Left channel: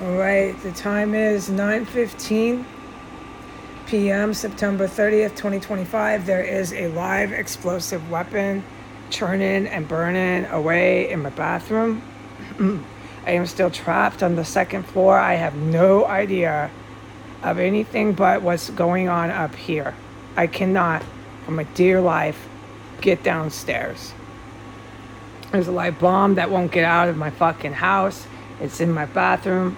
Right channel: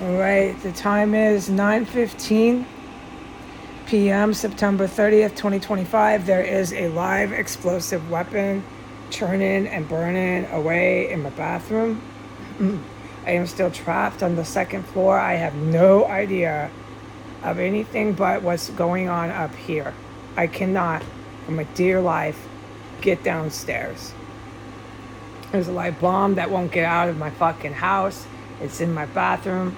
All right, the time is 9:15 p.m., September 30th, 2025. There is a live explosive weapon churning and burning away in my bathroom. I am still trapped on the second floor. I have no idea of anything but what's going on up here. I cannot, for my dear life, get downstairs. There's a live bomb that won't get out of my fucking house. It's in my bathroom.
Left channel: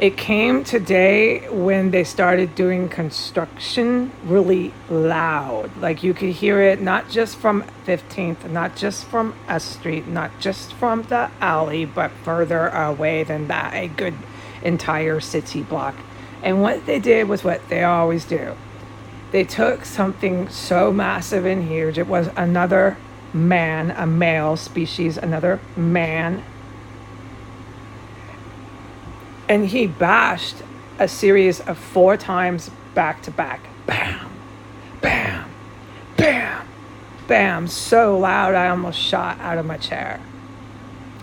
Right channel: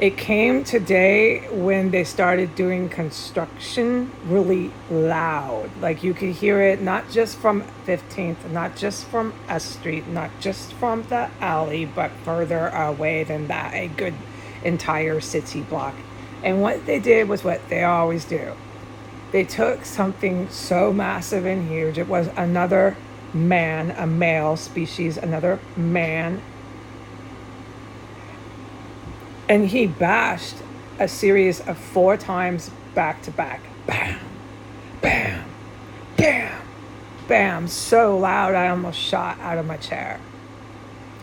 It came today when they started doing construction really loud. Like you could hear it not just from 15th, not just from a street, not just from the alley, but further away than that, a good entire city block. And what they did was what they always do. They took something so massive and huge. It was another man, a male species, another man, and he bashed a series of 4 times back to back. Bam, bam, bam, bam. So loud I almost shot out of my chair.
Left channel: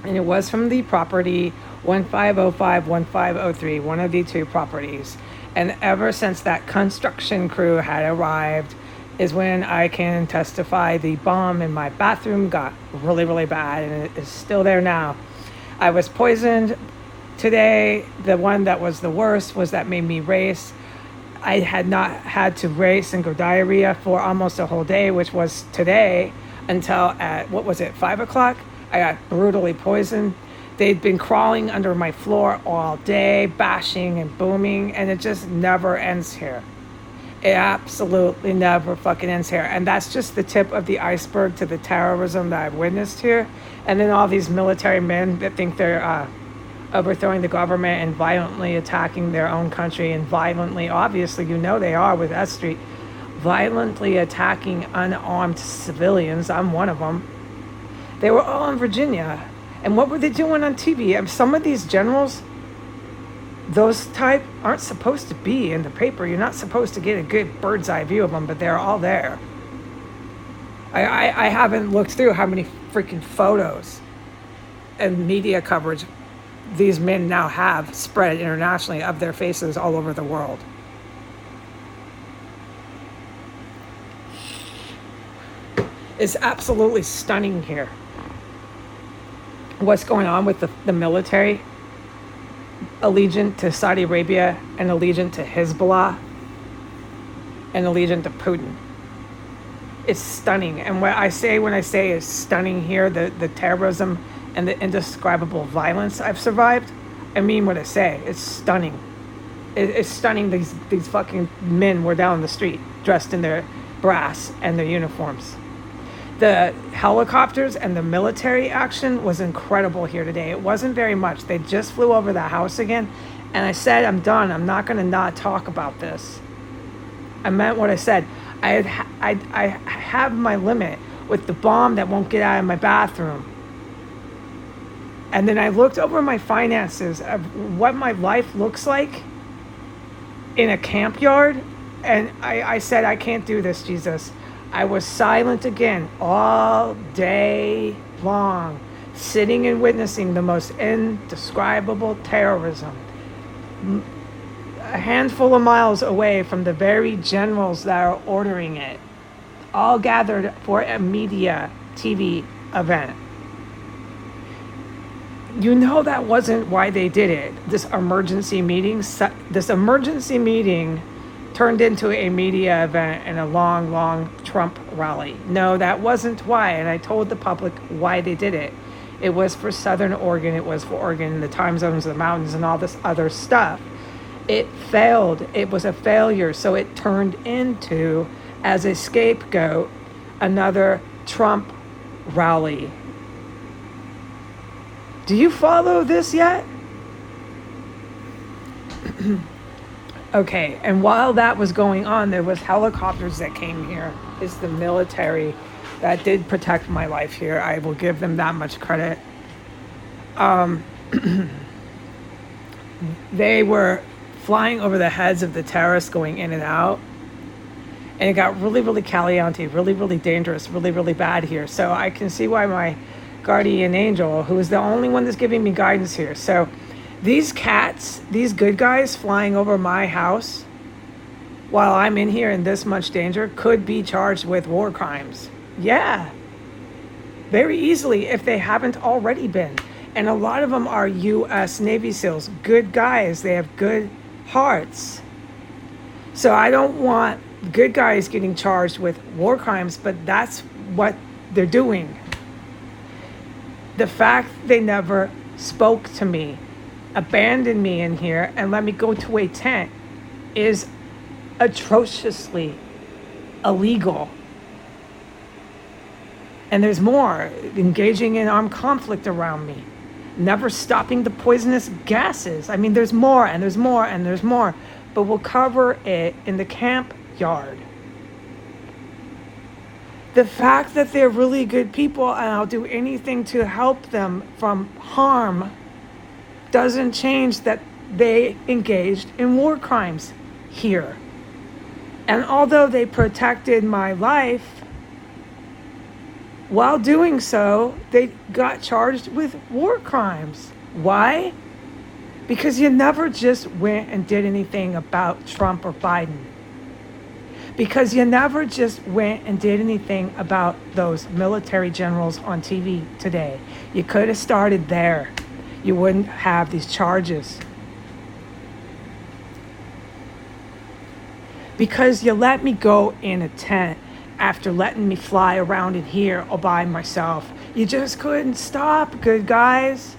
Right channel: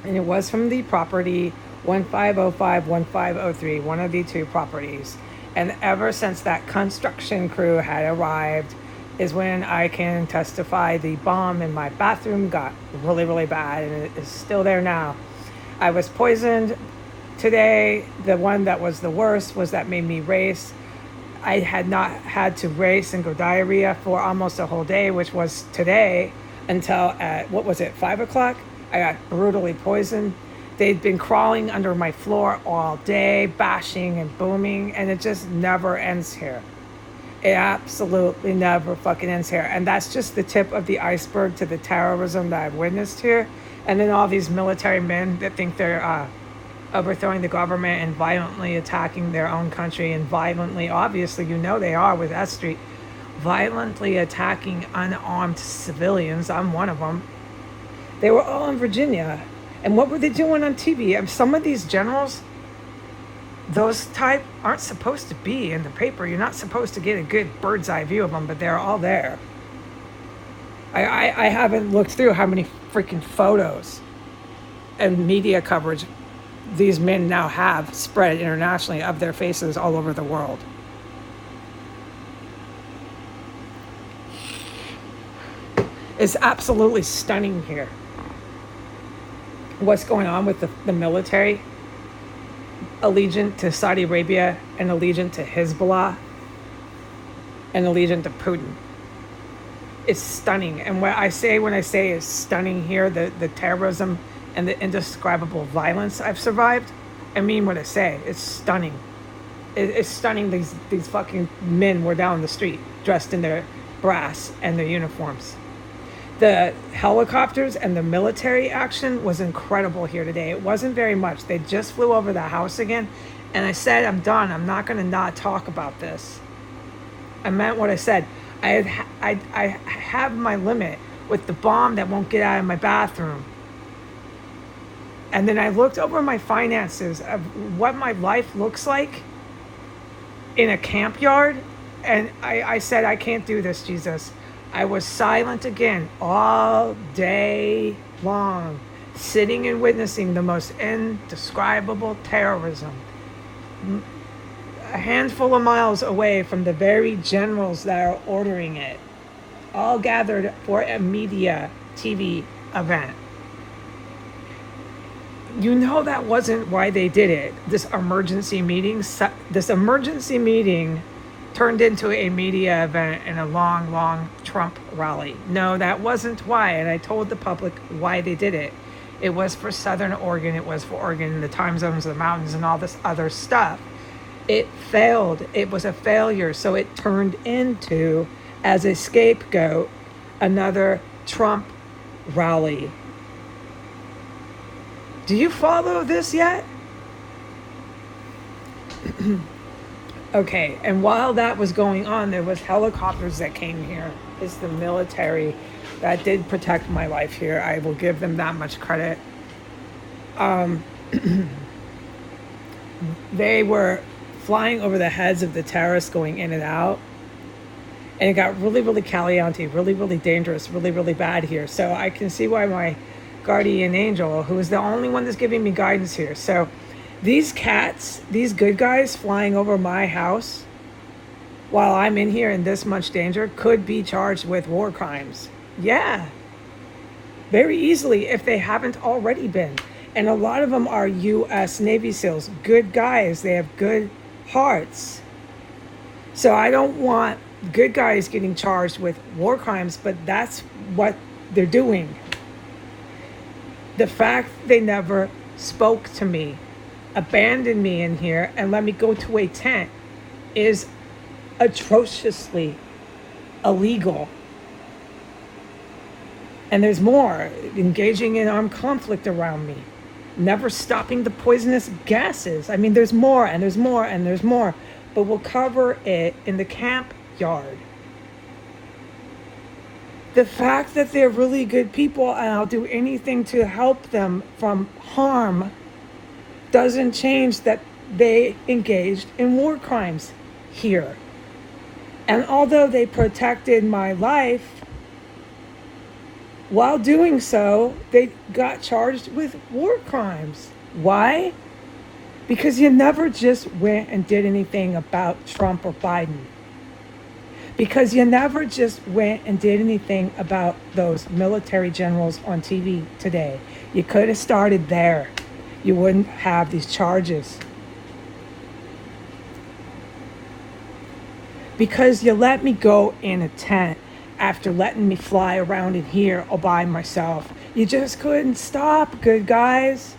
And it was from the property 1505, 1503, one of the 2 properties. And ever since that construction crew had arrived is when I can testify the bomb in my bathroom got really, really bad, and it is still there now. I was poisoned. Today, the one that was the worst was that made me race. I had not had to race and go diarrhea for almost a whole day, which was today, until at, 5 o'clock? I got brutally poisoned. They'd been crawling under my floor all day, bashing and booming, and it just never ends here. It absolutely never fucking ends here. And that's just the tip of the iceberg to the terrorism that I've witnessed here. And then all these military men that think they're overthrowing the government and violently attacking their own country, and violently, obviously, they are with S Street, violently attacking unarmed civilians. I'm one of them. They were all in Virginia. And what were they doing on TV? And some of these generals, those type, aren't supposed to be in the paper. You're not supposed to get a good bird's eye view of them, but they're all there. I haven't looked through how many freaking photos and media coverage these men now have spread internationally of their faces all over the world. It's absolutely stunning here. What's going on with the military, allegiant to Saudi Arabia and allegiant to Hezbollah and allegiant to Putin. It's stunning. And what I say when I say it's stunning here, the terrorism and the indescribable violence I've survived, I mean what I say. It's stunning. It's stunning. These fucking men were down the street dressed in their brass and their uniforms. The helicopters and the military action was incredible here today. It wasn't very much. They just flew over the house again. And I said, I'm done. I'm not going to not talk about this. I meant what I said. I have my limit with the bomb that won't get out of my bathroom. And then I looked over my finances of what my life looks like in a camp yard. And I said, I can't do this, Jesus. I was silent again all day long, sitting and witnessing the most indescribable terrorism. A handful of miles away from the very generals that are ordering it, all gathered for a media TV event. That wasn't why they did it. This emergency meeting turned into a media event and a long Trump rally. No, that wasn't why. And I told the public why they did it. It was for Southern Oregon. It was for Oregon, the time zones, the mountains, and all this other stuff. It failed. It was a failure. So it turned into, as a scapegoat, another Trump rally. Do you follow this yet? Okay, and while that was going on, there was helicopters that came here. It's the military that did protect my life here. I will give them that much credit. They were flying over the heads of the terrorists going in and out. And it got really, really caliente, really, really dangerous, really, really bad here. So I can see why my guardian angel, who is the only one that's giving me guidance here. So These cats, these good guys flying over my house while I'm in here in this much danger could be charged with war crimes. Yeah, very easily if they haven't already been. And a lot of them are U.S. Navy SEALs, good guys. They have good hearts. So I don't want good guys getting charged with war crimes, but that's what they're doing. The fact they never spoke to me, abandoned me in here, and let me go to a tent is atrociously illegal. And there's more, engaging in armed conflict around me, never stopping the poisonous gases. I mean, there's more and there's more and there's more, but we'll cover it in the camp yard. The fact that they're really good people and I'll do anything to help them from harm doesn't change that they engaged in war crimes here. And although they protected my life, while doing so, they got charged with war crimes. Why? Because you never just went and did anything about Trump or Biden. Because you never just went and did anything about those military generals on TV today. You could have started there. You wouldn't have these charges. Because you let me go in a tent after letting me fly around in here all by myself. You just couldn't stop, good guys,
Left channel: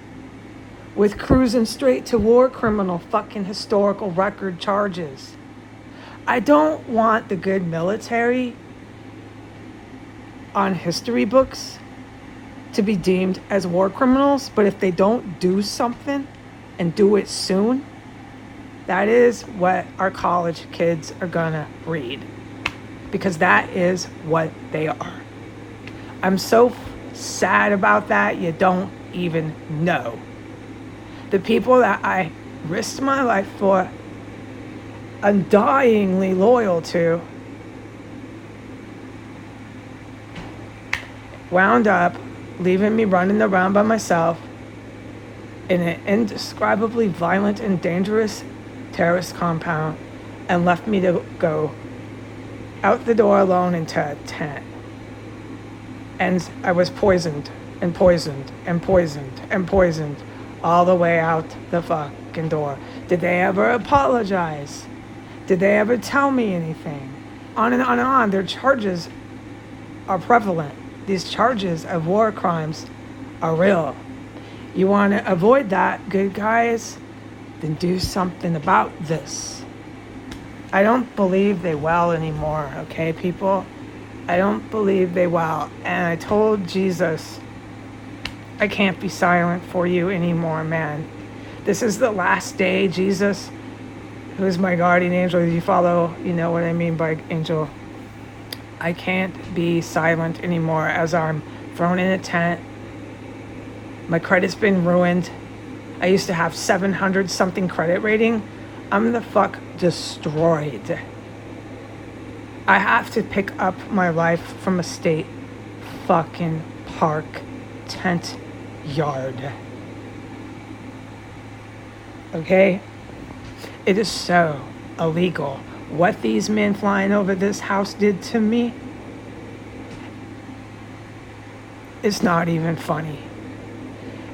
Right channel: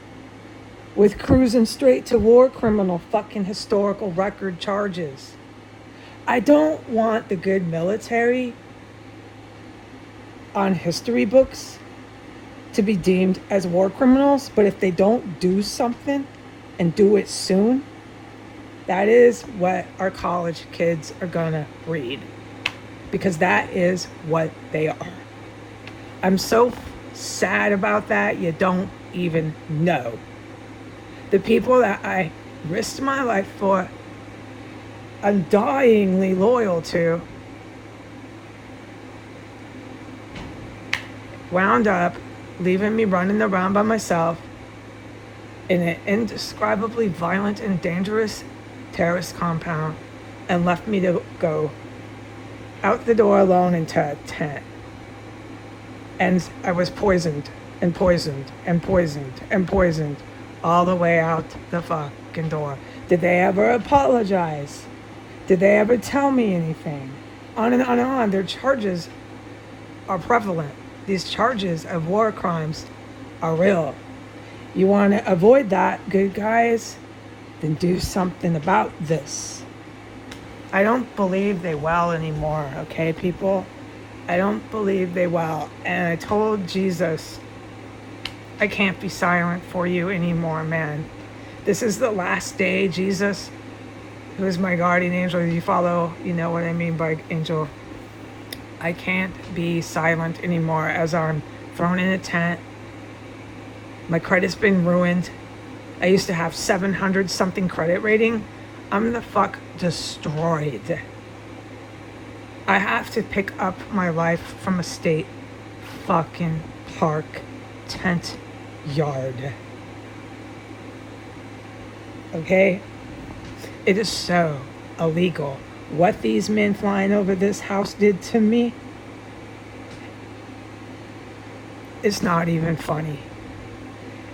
with cruising straight to war criminal fucking historical record charges. I don't want the good military on history books to be deemed as war criminals, but if they don't do something and do it soon, that is what our college kids are gonna read. Because that is what they are. I'm so sad about that, you don't even know. The people that I risked my life for, undyingly loyal to, wound up leaving me running around by myself in an indescribably violent and dangerous terrorist compound and left me to go out the door alone into a tent. And I was poisoned and poisoned and poisoned and poisoned all the way out the fucking door. Did they ever apologize? Did they ever tell me anything? On and on and on. Their charges are prevalent. These charges of war crimes are real. You want to avoid that, good guys? Then do something about this. I don't believe they will anymore, okay, people? I don't believe they will. And I told Jesus, I can't be silent for you anymore, man. This is the last day, Jesus, who's my guardian angel. You follow, you know what I mean by angel. I can't be silent anymore as I'm thrown in a tent. My credit's been ruined. I used to have 700 something credit rating. I'm the fuck destroyed. I have to pick up my life from a state fucking park tent yard. Okay? It is so illegal. What these men flying over this house did to me, it's not even funny.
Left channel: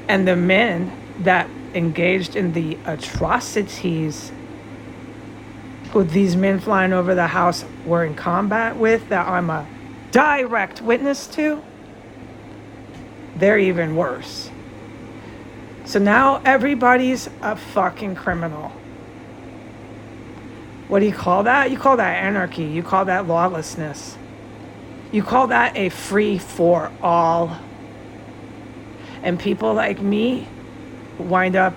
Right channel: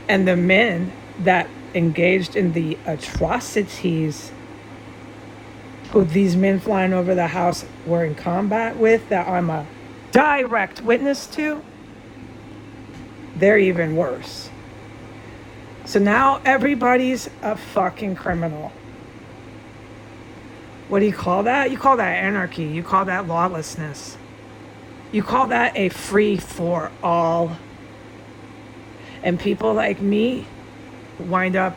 And the men that engaged in the atrocities who these men flying over the house were in combat with, that I'm a direct witness to, they're even worse. So now everybody's a fucking criminal. What do you call that? You call that anarchy. You call that lawlessness. You call that a free for all. And people like me wind up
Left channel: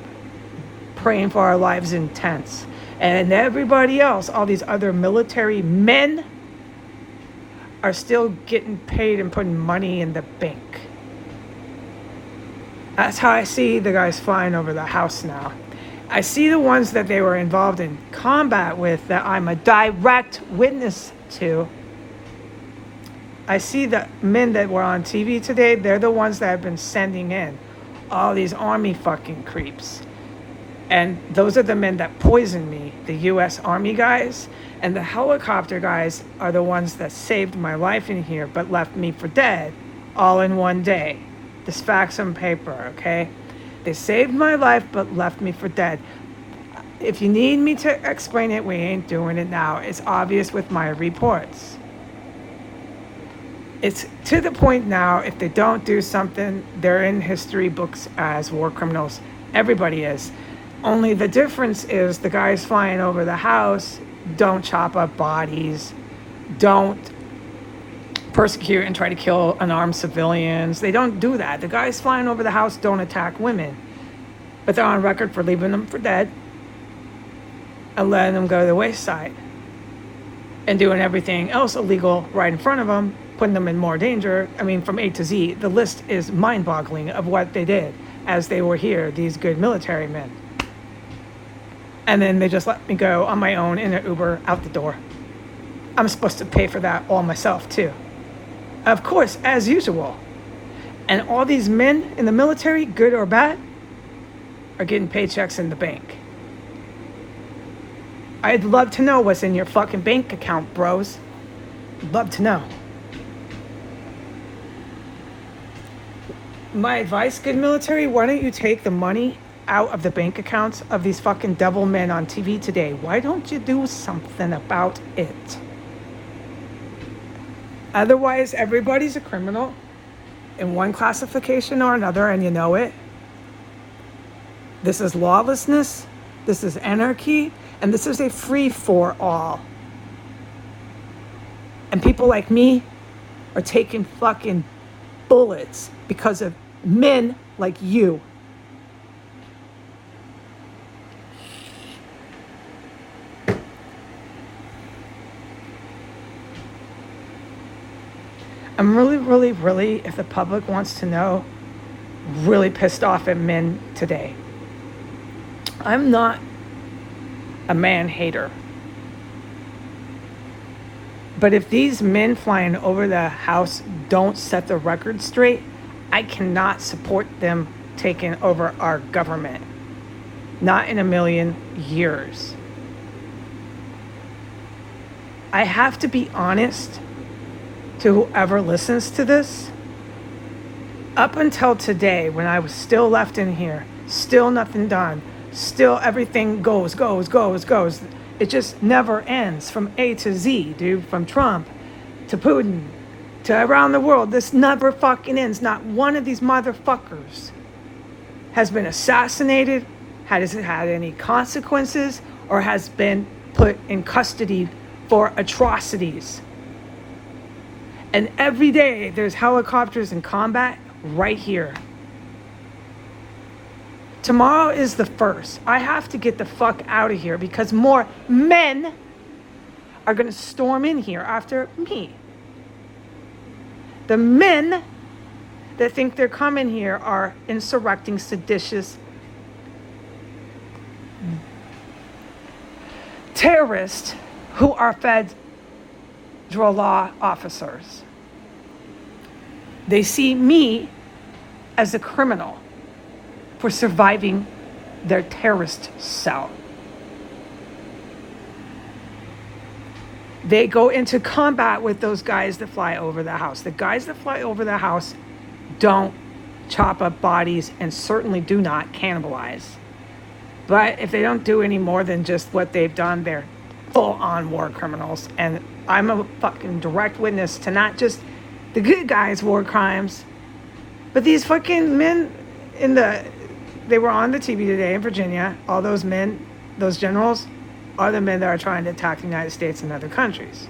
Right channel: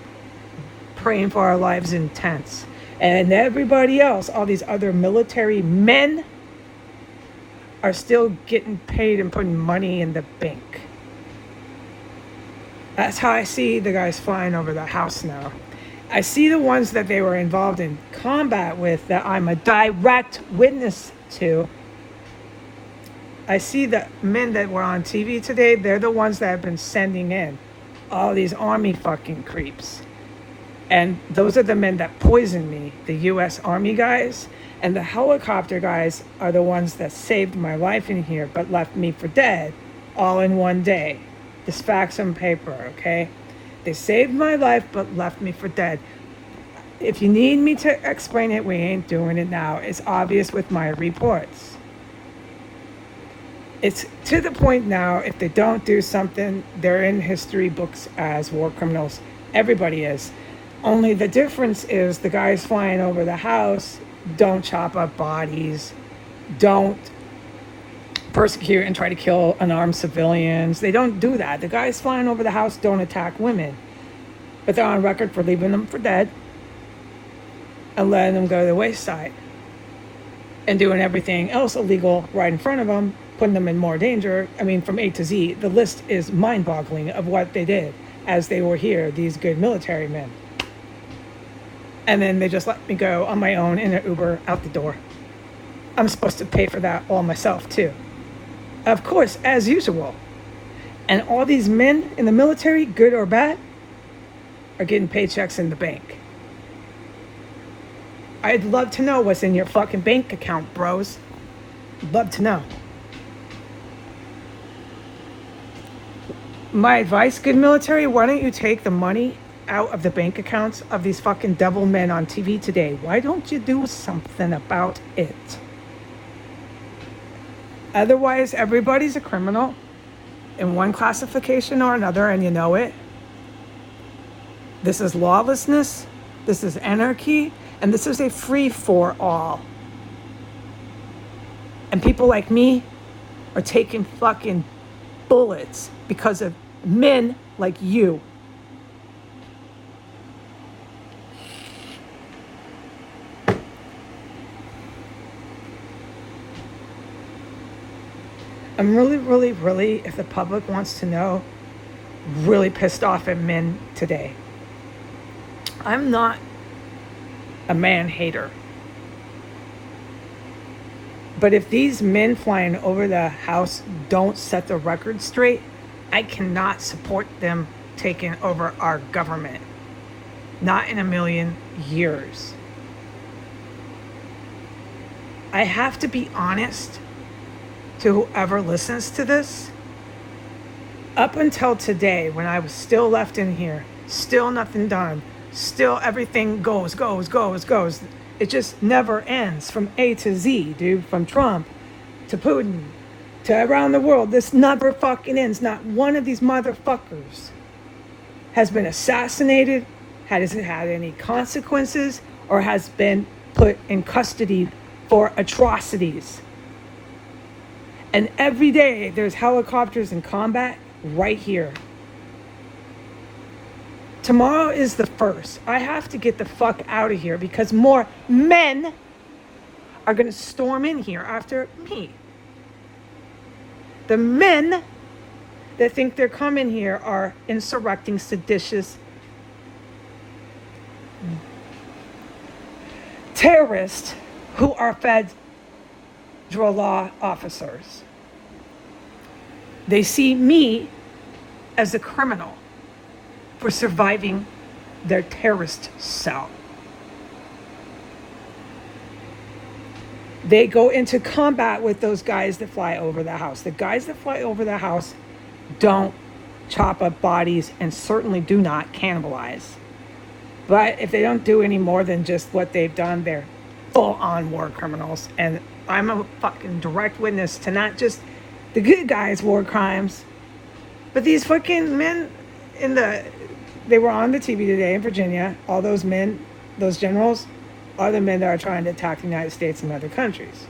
praying for our lives in tents. And everybody else, all these other military men, are still getting paid and putting money in the bank. That's how I see the guys flying over the house now. I see the ones that they were involved in combat with that I'm a direct witness to. I see the men that were on TV today, they're the ones that have been sending in all these army fucking creeps. And those are the men that poisoned me, the U.S. Army guys. And the helicopter guys are the ones that saved my life in here, but left me for dead all in one day. This facts on paper, okay? They saved my life, but left me for dead. If you need me to explain it, we ain't doing it now. It's obvious with my reports. It's to the point now, if they don't do something, they're in history books as war criminals. Everybody is. Only the difference is the guys flying over the house don't chop up bodies, don't persecute and try to kill unarmed civilians. They don't do that. The guys flying over the house don't attack women, but they're on record for leaving them for dead and letting them go to the wayside and doing everything else illegal right in front of them, putting them in more danger. I mean, from A to Z, the list is mind-boggling of what they did as they were here, these good military men. And then they just let me go on my own in an Uber out the door. I'm supposed to pay for that all myself too. Of course, as usual. And all these men in the military, good or bad, are getting paychecks in the bank. I'd love to know what's in your fucking bank account, bros. Love to know. My advice, good military, why don't you take the money out of the bank accounts of these fucking devil men on TV today? Why don't you do something about it? Otherwise, everybody's a criminal in one classification or another, and you know it. This is lawlessness, this is anarchy, and this is a free-for-all. And people like me are taking fucking bullets because of men like you. I'm really, if the public wants to know, really pissed off at men today. I'm not a man hater. But if these men flying over the house don't set the record straight, I cannot support them taking over our government. Not in a million years. I have to be honest to whoever listens to this. Up until today, when I was still left in here, still nothing done, still everything goes. It just never ends from A to Z, dude. From Trump to Putin to around the world. This never fucking ends. Not one of these motherfuckers has been assassinated, has had any consequences, or has been put in custody for atrocities. And every day there's helicopters in combat right here. Tomorrow is the 1st. I have to get the fuck out of here because more men are going to storm in here after me. The men that think they're coming here are insurrecting, seditious terrorists who are federal law officers. They see me as a criminal for surviving their terrorist cell. They go into combat with those guys that fly over the house. The guys that fly over the house don't chop up bodies and certainly do not cannibalize. But if they don't do any more than just what they've done, they're full-on war criminals. And I'm a fucking direct witness to not just the good guys' war crimes, but these fucking men they were on the TV today in Virginia. All those men, those generals, are the men that are trying to attack the United States and other countries.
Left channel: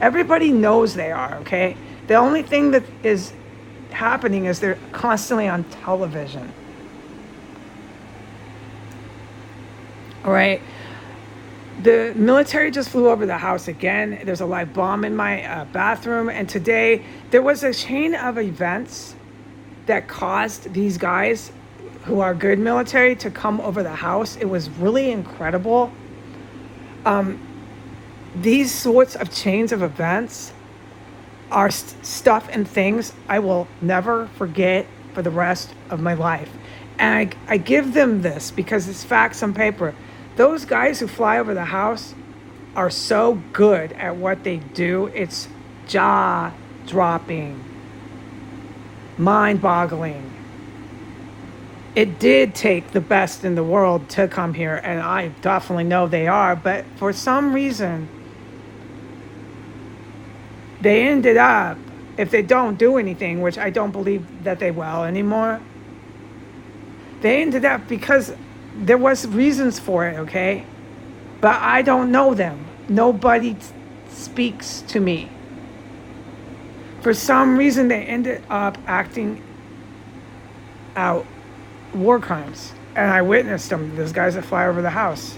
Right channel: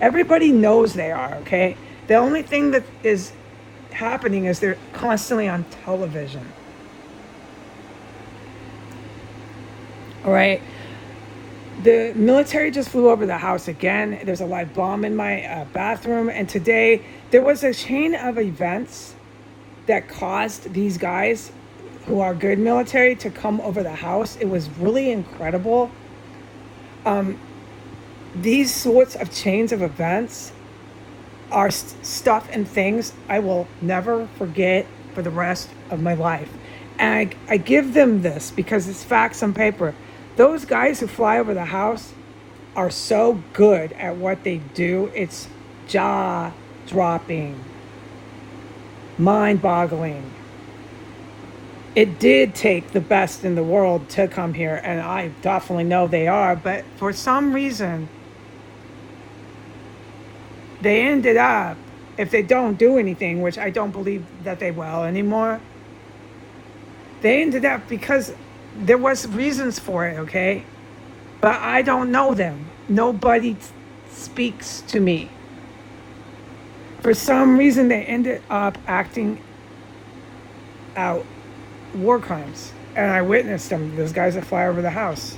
Everybody knows they are, okay? The only thing that is happening is they're constantly on television. All right? The military just flew over the house again. There's a live bomb in my bathroom. And today, there was a chain of events that caused these guys who are good military to come over the house. It was really incredible. These sorts of chains of events are stuff and things I will never forget for the rest of my life. And I give them this because it's facts on paper. Those guys who fly over the house are so good at what they do. It's jaw dropping, mind boggling. It did take the best in the world to come here, and I definitely know they are, but for some reason, they ended up, if they don't do anything, which I don't believe that they will anymore, they ended up because there was reasons for it, okay? But I don't know them. Nobody speaks to me. For some reason, they ended up acting out war crimes. And I witnessed them. Those guys that fly over the house.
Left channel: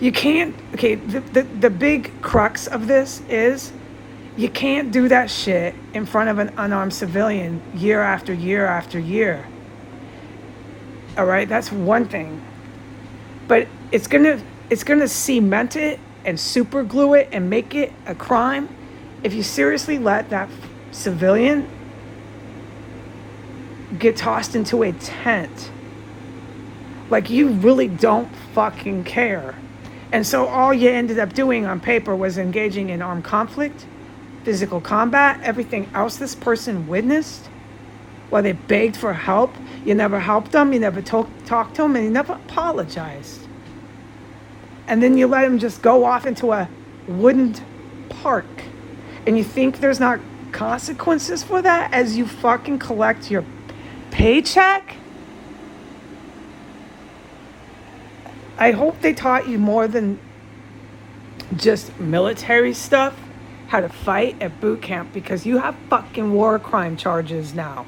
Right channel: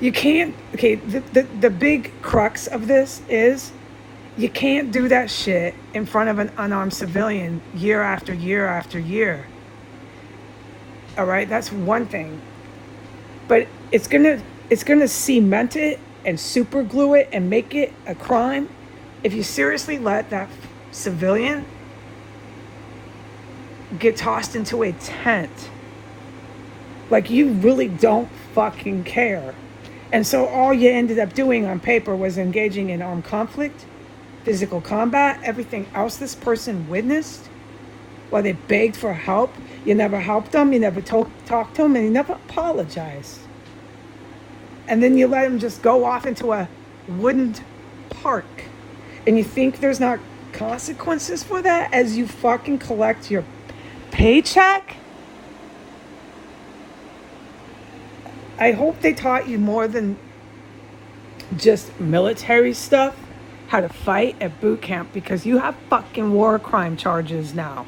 You can't, okay, the big crux of this is you can't do that shit in front of an unarmed civilian year after year after year. All right, that's one thing. But it's gonna cement it and super glue it and make it a crime if you seriously let that civilian get tossed into a tent. Like, you really don't fucking care. And so all you ended up doing on paper was engaging in armed conflict, physical combat, everything else this person witnessed while they begged for help. You never helped them, you never talked to them, and you never apologized. And then you let them just go off into a wooden park. And you think there's not consequences for that as you fucking collect your paycheck? I hope they taught you more than just military stuff, how to fight at boot camp, because you have fucking war crime charges now.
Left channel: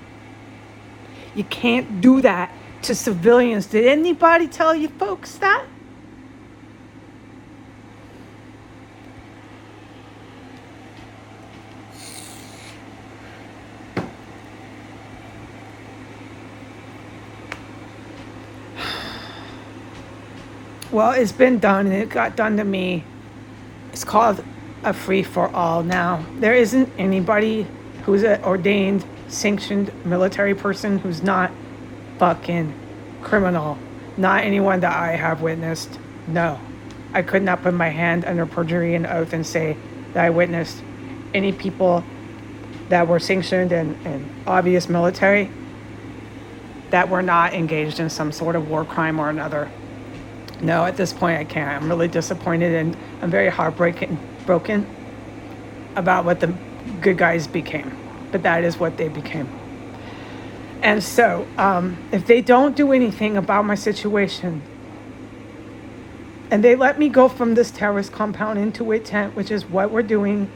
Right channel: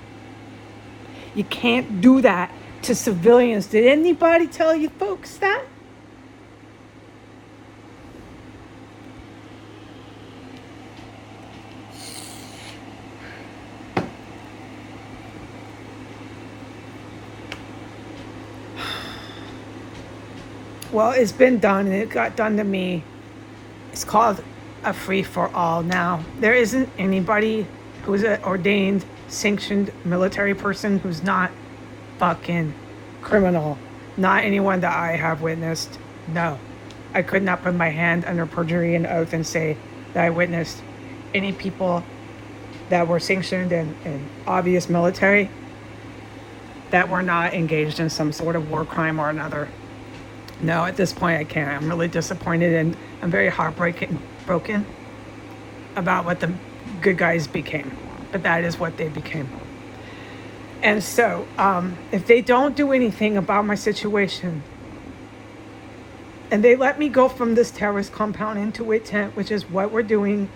You can't do that to civilians. Did anybody tell you folks that? Well, it's been done, and it got done to me. It's called a free-for-all now. There isn't anybody who's an ordained, sanctioned military person who's not fucking criminal. Not anyone that I have witnessed. No. I could not put my hand under perjury and oath and say that I witnessed any people that were sanctioned and obvious military that were not engaged in some sort of war crime or another. No, at this point I can't. I'm really disappointed, and I'm very broken about what the good guys became. But that is what they became. And so, if they don't do anything about my situation, and they let me go from this terrorist compound into a tent, which is what we're doing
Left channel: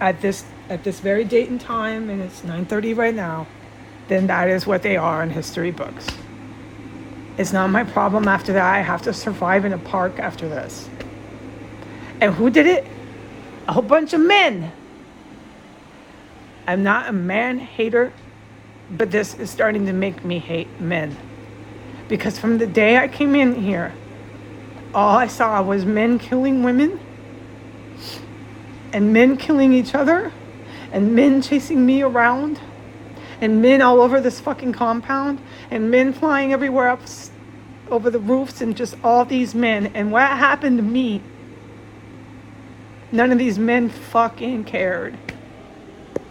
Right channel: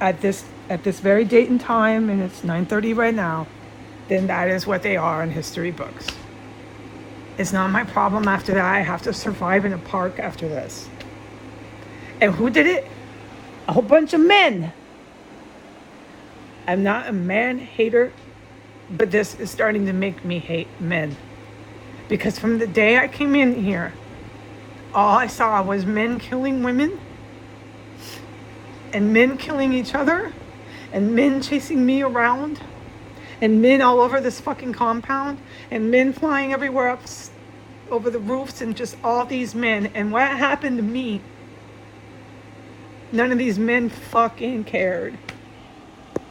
at this very date and time, and it's 9:30 right now, then that is what they are in history books. It's not my problem after that. I have to survive in a park after this. And who did it? A whole bunch of men. I'm not a man hater, but this is starting to make me hate men. Because from the day I came in here, all I saw was men killing women, and men killing each other, and men chasing me around, and men all over this fucking compound, and men flying everywhere up over the roofs, and just all these men. And what happened to me, none of these men fucking cared.